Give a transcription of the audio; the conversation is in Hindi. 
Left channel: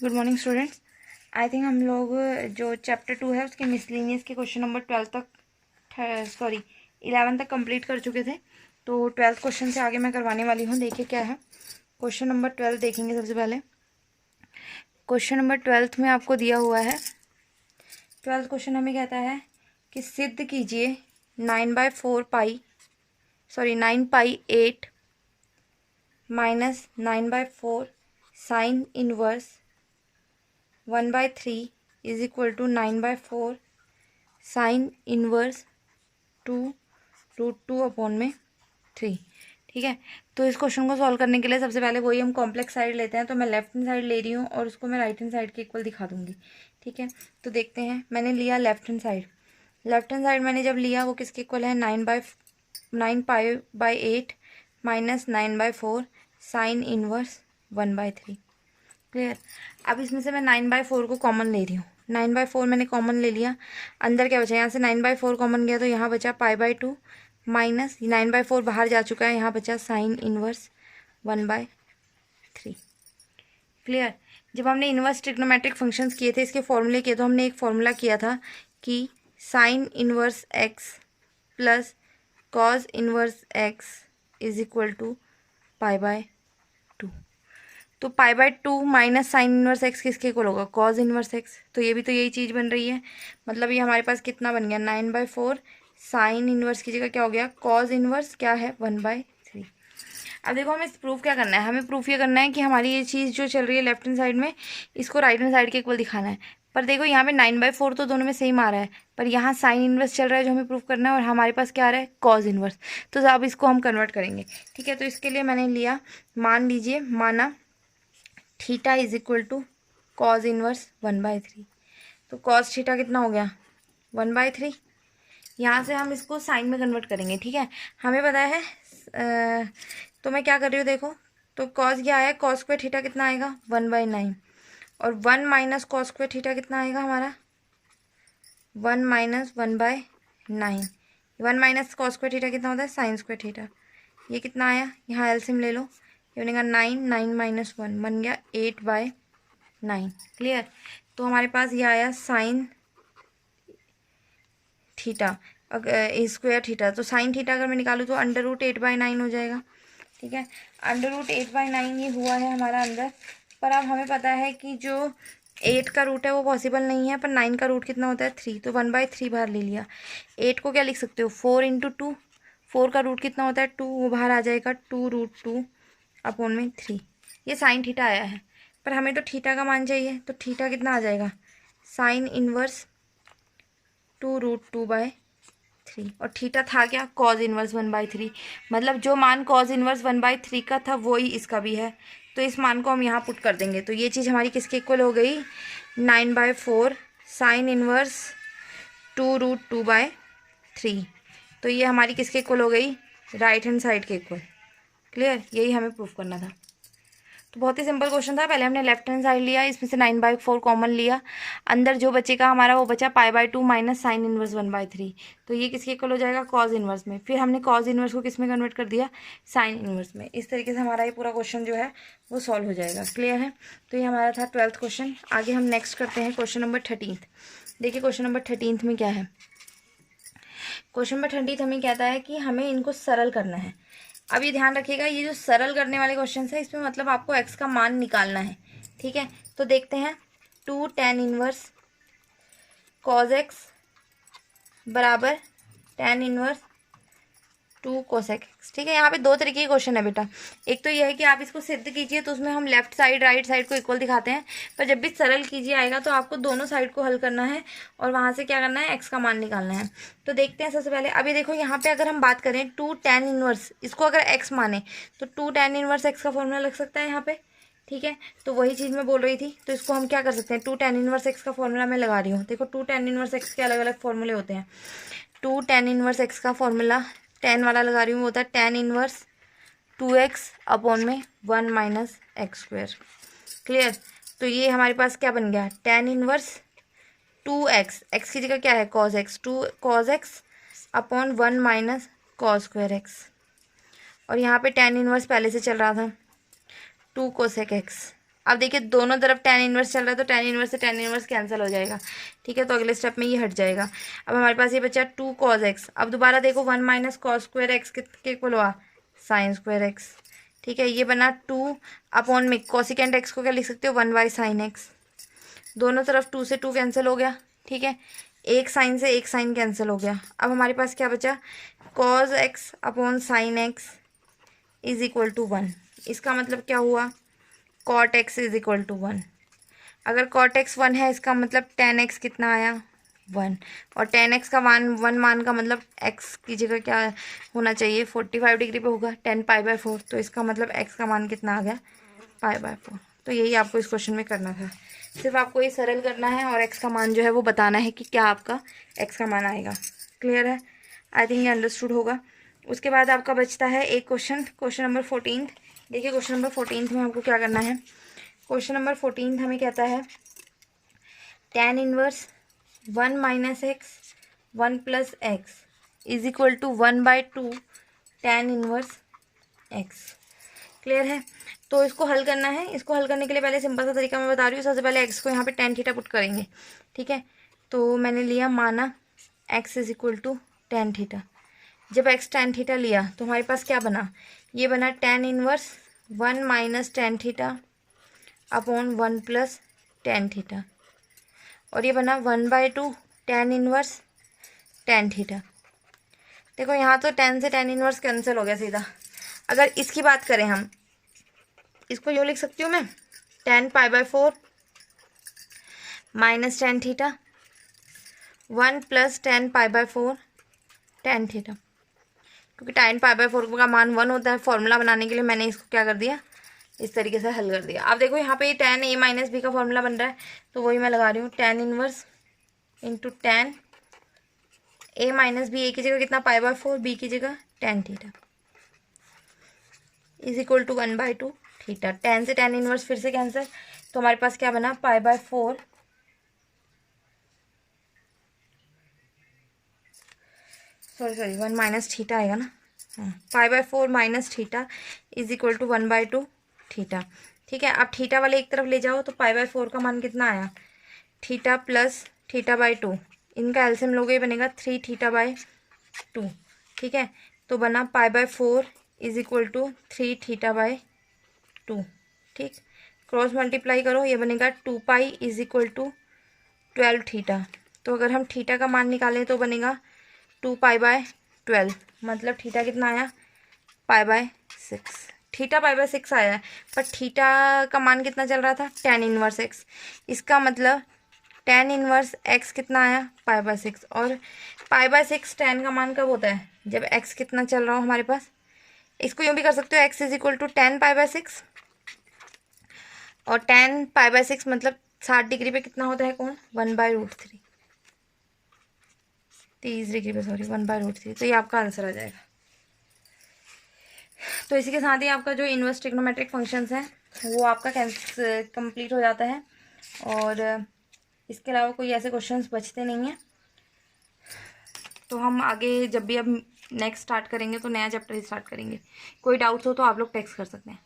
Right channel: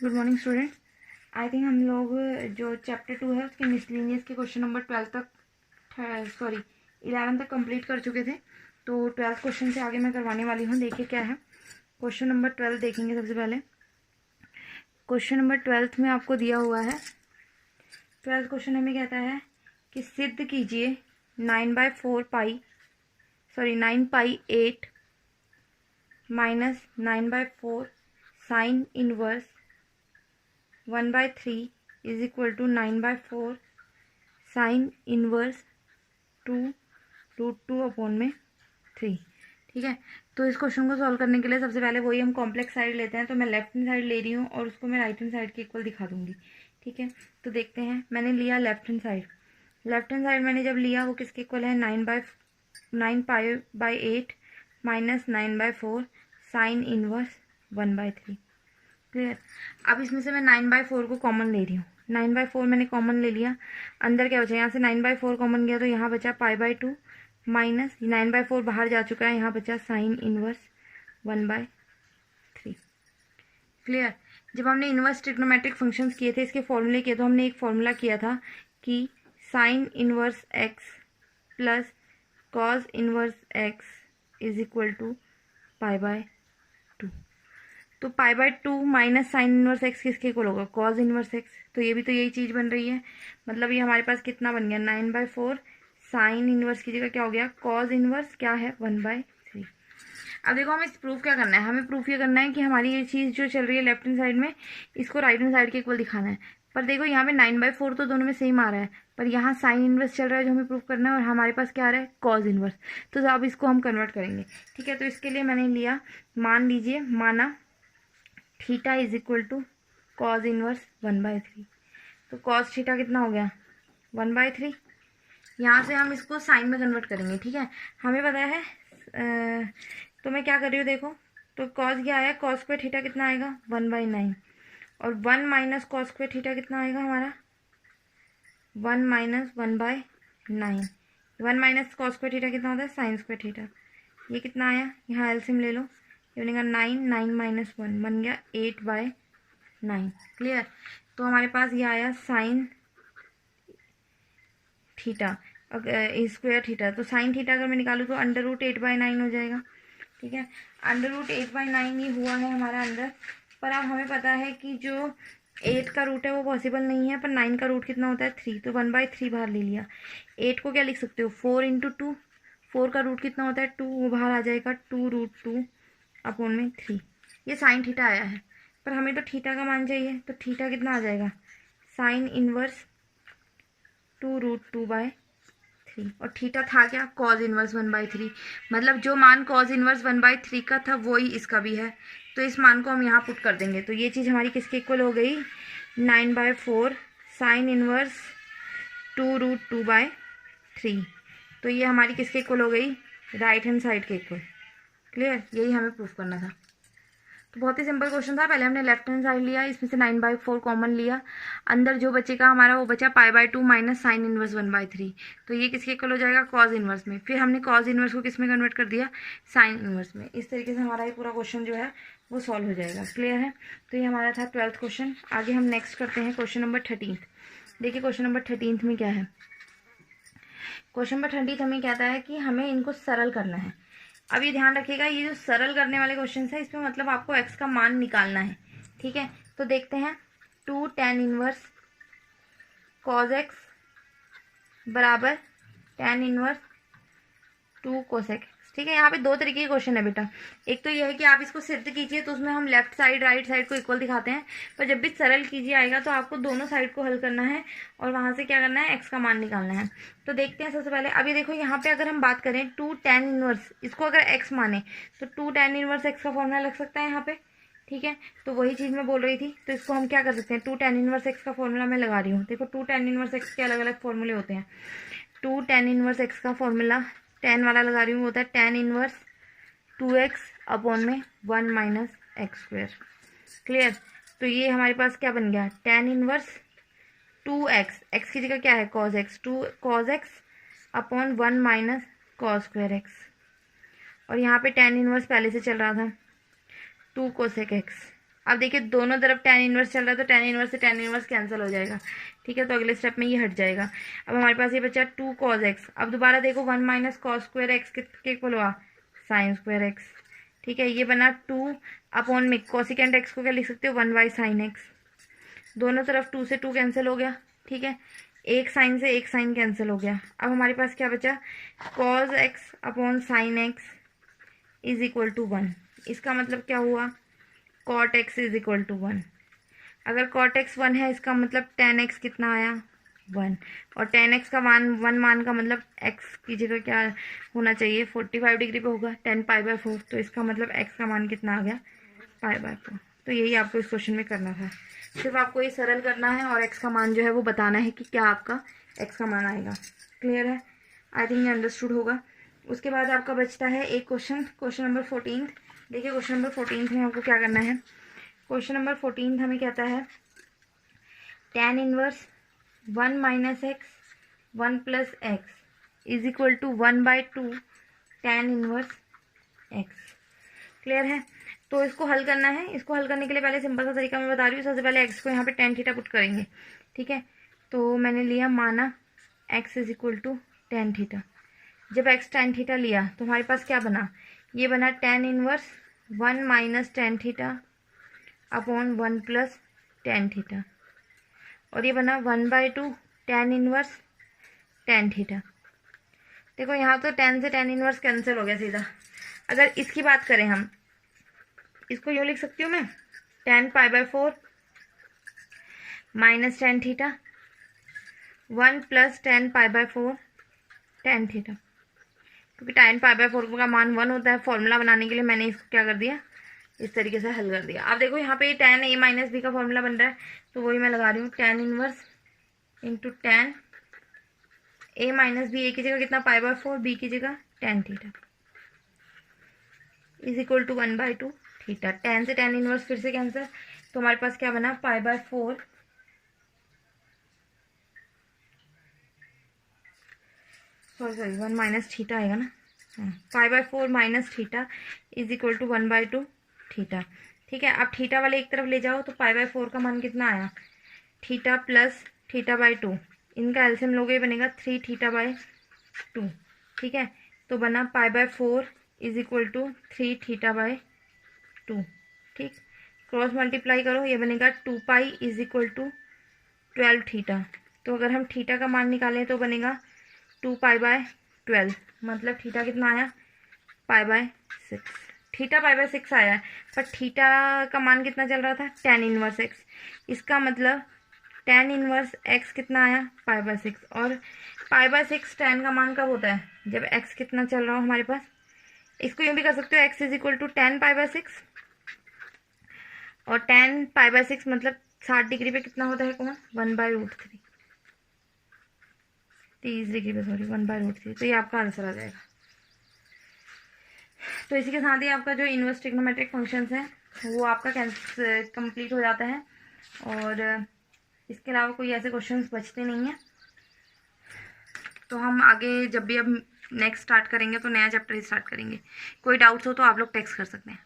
Good morning students. I think हम लोग जो चैप्टर 2 है उसके मिसलिनियस के क्वेश्चन नंबर 12 तक 11 तक कंप्लीट कर चुके थे। तो 12th क्वेश्चन से आगे मैं करवाने वाली हूँ। देखिए क्या है क्वेश्चन नंबर 12। देखेंगे सबसे पहले क्वेश्चन नंबर 12 में आपको दिया हुआ है। 12th क्वेश्चन हमें कहता है कि सिद्ध कीजिए 9/8 minus 9/4 sine inverse 1/3 is equal to 9/4 sine inverse 2√2/3। ठीक है, तो इस क्वेश्चन को सॉल्व करने के लिए सबसे पहले वही हम कॉम्प्लेक्स साइड लेते हैं। तो मैं लेफ्ट हैंड साइड ले रही हूँ और उसको मैं राइट हैंड साइड के इक्वल दिखा दूंगी। ठीक है, तो देखते हैं। मैंने लिया left hand side. Left hand side मैंने जब लिया वो किसके इक्वल है, 9/8 माइनस 9/4 साइन इनवर्स 1/3। क्लियर। अब इसमें से मैं 9/4 को कॉमन ले रही हूँ। 9/4 मैंने कॉमन ले लिया। अंदर क्या बचा, यहाँ से 9/4 कॉमन गया तो यहाँ बचा π/2 माइनस 9/4 बाहर जा चुका है, यहाँ बचा साइन इनवर्स 1/3। क्लियर। जब हमने इनवर्स ट्रिग्नोमेट्रिक फंक्शंस किए थे, इसके फॉर्मूले किए, तो हमने एक फॉर्मूला किया था कि sine inverse x plus cos inverse x is equal to π/2। तो π/2 माइनस साइन इनवर्स एक्स किसके इक्वल होगा, कॉज इनवर्स एक्स। तो ये भी तो यही चीज़ बन रही है। मतलब ये हमारे पास कितना बन गया, 9/4 साइन इनवर्स की जगह क्या हो गया, कॉज इनवर्स क्या है 1/3। अब देखो हमें प्रूफ क्या करना है। हमें प्रूफ ये करना है कि हमारी ये चीज़ जो चल रही है लेफ्ट हैंड साइड में, इसको राइट हैंड साइड के इक्वल दिखाना है। पर देखो यहाँ पे 9/4 तो दोनों में सेम आ रहा है, पर यहाँ साइन इनवर्स चल रहा है जो हमें प्रूफ करना है, और हमारे पास क्या आ रहा है, कॉज इनवर्स। तो अब इसको हम कन्वर्ट करेंगे। ठीक है, तो इसके लिए मैंने लिया, मान लीजिए, माना theta is equal to cos inverse 1/3। तो कॉज थीटा कितना हो गया, 1/3। यहाँ से हम इसको साइन में कन्वर्ट करेंगे। ठीक है, हमें पता है तो मैं क्या कर रही हूँ देखो, तो कॉज क्या आया, कॉस स्क्वायर थीटा कितना आएगा 1/9, और 1 माइनस कॉस स्क्वायर थीटा कितना आएगा हमारा 1 minus 1/9। 1 minus cos square theta कितना होता है, साइन स्क्वायर थीटा। ये कितना आया, यहाँ एलसीएम ले लो, ये बनेगा 9 माइनस 1 बन गया 8/9। क्लियर। तो हमारे पास ये आया साइन थीटा स्क्वायर थीटा। तो साइन थीटा अगर मैं निकालूँ तो √8/9 हो जाएगा। ठीक है, √8/9 ये हुआ है हमारा अंदर। पर अब हमें पता है कि जो 8 का रूट है वो पॉसिबल नहीं है, पर 9 का रूट कितना होता है 3, तो 1/3 बाहर ले लिया। 8 को क्या लिख सकते हो, 4 × 2। 4 का रूट कितना होता है 2, वो बाहर आ जाएगा 2√2/3। ये साइन थीटा आया है, पर हमें तो थीटा का मान चाहिए। तो थीटा कितना आ जाएगा, साइन इनवर्स 2√2/3, और थीटा था क्या, कॉज इनवर्स 1/3। मतलब जो मान कॉज इनवर्स 1/3 का था वही इसका भी है। तो इस मान को हम यहाँ पुट कर देंगे। तो ये चीज़ हमारी किसके इक्वल हो गई, 9/4 साइन इनवर्स 2√2/3। तो ये हमारी किसके इक्वल हो गई, राइट हैंड साइड के इक्वल। क्लियर, यही हमें प्रूफ करना था। तो बहुत ही सिंपल क्वेश्चन था। पहले हमने लेफ्ट हैंड साइड लिया, इसमें से 9/4 कॉमन लिया, अंदर जो बचेगा हमारा वो बचा π/2 माइनस साइन इनवर्स 1/3। तो ये किसके इक्वल हो जाएगा, कॉज इनवर्स में। फिर हमने कॉज इनवर्स को किस में कन्वर्ट कर दिया, साइन इनवर्स में। इस तरीके से हमारा ये पूरा क्वेश्चन जो है वो सॉल्व हो जाएगा। क्लियर है। तो ये हमारा था 12th क्वेश्चन। आगे हम नेक्स्ट करते हैं क्वेश्चन नंबर 13। देखिए क्वेश्चन नंबर 13 में क्या है। क्वेश्चन नंबर 13 हमें कहता है कि हमें इनको सरल करना है। अब ये ध्यान रखिएगा, ये जो सरल करने वाले क्वेश्चन है इसमें मतलब आपको x का मान निकालना है। ठीक है, तो देखते हैं। 2 tan इनवर्स cos x बराबर tan इनवर्स 2 cos x। ठीक है, यहाँ पे दो तरीके के क्वेश्चन है बेटा। एक तो ये है कि आप इसको सिद्ध कीजिए, तो उसमें हम लेफ्ट साइड राइट साइड को इक्वल दिखाते हैं। पर जब भी सरल कीजिए आएगा तो आपको दोनों साइड को हल करना है और वहाँ से क्या करना है, x का मान निकालना है। तो देखते हैं सबसे पहले। अभी देखो यहाँ पे अगर हम बात करें 2 tan इनवर्स, इसको अगर x माने तो 2 tan इनवर्स x का फॉर्मूला लग सकता है यहाँ पे। ठीक है, तो वही चीज़ मैं बोल रही थी। तो इसको हम क्या कर सकते हैं, 2 tan इनवर्स x का फॉर्मूला मैं लगा रही हूँ। देखो 2 tan इनवर्स x के अलग अलग फॉर्मूले होते हैं। 2 tan इनवर्स x का फॉर्मूला tan वाला लगा रही हूँ, होता है tan inverse 2x/1 minus x²। Clear. तो ये हमारे पास क्या बन गया, tan इनवर्स 2x, x की जगह क्या है cos x, 2 cos x/1 minus cos² x। और यहाँ पे tan इनवर्स पहले से चल रहा था 2 cosec x। अब देखिए दोनों तरफ tan इनवर्स चल रहा है तो tan इनवर्स से tan इनवर्स कैंसिल हो जाएगा, ठीक है। तो अगले स्टेप में ये हट जाएगा। अब हमारे पास ये बचा 2 cos x। अब दोबारा देखो 1 माइनस कॉस स्क्वायर एक्स के इक्वल हुआ साइन स्क्वायर एक्स, ठीक है। ये बना 2 अपॉन में कोसिकेंट एक्स को क्या लिख सकते हो 1 बाई साइन एक्स। दोनों तरफ 2 से 2 कैंसिल हो गया, ठीक है। एक साइन से एक साइन कैंसिल हो गया। अब हमारे पास क्या बचा cos x upon sine x is equal to 1। इसका मतलब क्या हुआ cot x is equal to 1। अगर कॉट एक्स 1 है इसका मतलब टेन एक्स कितना आया 1। और टेन एक्स का मान 1 मान का मतलब एक्स की जगह क्या होना चाहिए 45 डिग्री पे होगा 10 पाई बाय 4। तो इसका मतलब एक्स का मान कितना आ गया पाई बाय 4। तो यही आपको इस क्वेश्चन में करना था। सिर्फ आपको ये सरल करना है और एक्स का मान जो है वो बताना है कि क्या आपका एक्स का मान आएगा। क्लियर है? आई थिंक ये अंडरस्टूड होगा। उसके बाद आपका बचता है एक क्वेश्चन नंबर 14। देखिए क्वेश्चन नंबर 14 में आपको क्या करना है। क्वेश्चन नंबर 14 हमें कहता है tan inverse 1 minus x 1 plus x is equal to 1 by 2 tan inverse x. Clear है? तो इसको हल करना है। इसको हल करने के लिए पहले सिंपल सा तरीका मैं बता रही हूँ। सबसे पहले एक्स को यहाँ पे tan थीटा पुट करेंगे, ठीक है। तो मैंने लिया माना x is equal to tan theta. जब एक्स tan थीटा लिया तो हमारे पास क्या बना, ये बना tan inverse 1 minus tan theta upon 1 plus tan theta. और ये बना 1 by 2 tan inverse tan theta. देखो यहाँ तो tan से tan इनवर्स कैंसिल हो गया सीधा। अगर इसकी बात करें हम इसको यूँ लिख सकती हूँ मैं tan pi by 4 minus tan theta 1 plus tan pi by 4 tan theta. क्योंकि tan पाई बाय 4 का मान 1 होता है, फॉर्मूला बनाने के लिए मैंने इसको क्या कर दिया इस तरीके से हल कर दिया। अब देखो यहाँ पे tan a माइनस बी का फॉर्मूला बन रहा है तो वही मैं लगा रही हूँ tan inverse into tan a minus B. A की जगह कितना पाई बाय 4, बी की जगह tan theta is equal to 1 by 2 theta. tan से tan इनवर्स फिर से कैंसिल तो हमारे पास क्या बना pi by 4 sorry 1 minus theta आएगा ना, pi by 4 minus theta is equal to 1 by 2 theta, ठीक है। अब थीटा वाले एक तरफ ले जाओ तो पाई बाय 4 का मान कितना आया थीटा प्लस थीटा बाई 2। इनका एलसीएम लोगे बनेगा 3 थीटा बाई 2, ठीक है। तो बना pi by 4 is equal to 3 theta by 2, ठीक। क्रॉस मल्टीप्लाई करो ये बनेगा 2 pi is equal to 12 theta. तो अगर हम थीटा का मान निकालें तो बनेगा 2 पाई बाय 12, मतलब थीटा कितना आया पाई बाय 6। थीटा पाई बाय 6 आया है पर थीटा का मान कितना चल रहा था tan इनवर्स एक्स। इसका मतलब tan इनवर्स एक्स कितना आया पाई बाय 6। और पाई बाय 6 tan का मान कब होता है जब x कितना चल रहा हो हमारे पास। इसको यूँ भी कर सकते हो x is equal to tan pi by 6 और tan पाई बाय 6 मतलब 60 डिग्री पे कितना होता है कौन 1 बाई रूट 3, 30 डिग्री पे सॉरी 1 बाई रूट 3। तो ये आपका आंसर आ जाएगा। तो इसी के साथ ही आपका जो इनवर्स ट्रिग्नोमेट्रिक फंक्शंस हैं वो आपका कंप्लीट हो जाता है। और इसके अलावा कोई ऐसे क्वेश्चंस बचते नहीं हैं। तो हम आगे जब भी अब नेक्स्ट स्टार्ट करेंगे तो नया चैप्टर ही स्टार्ट करेंगे। कोई डाउट्स हो तो आप लोग टेक्स्ट कर सकते हैं।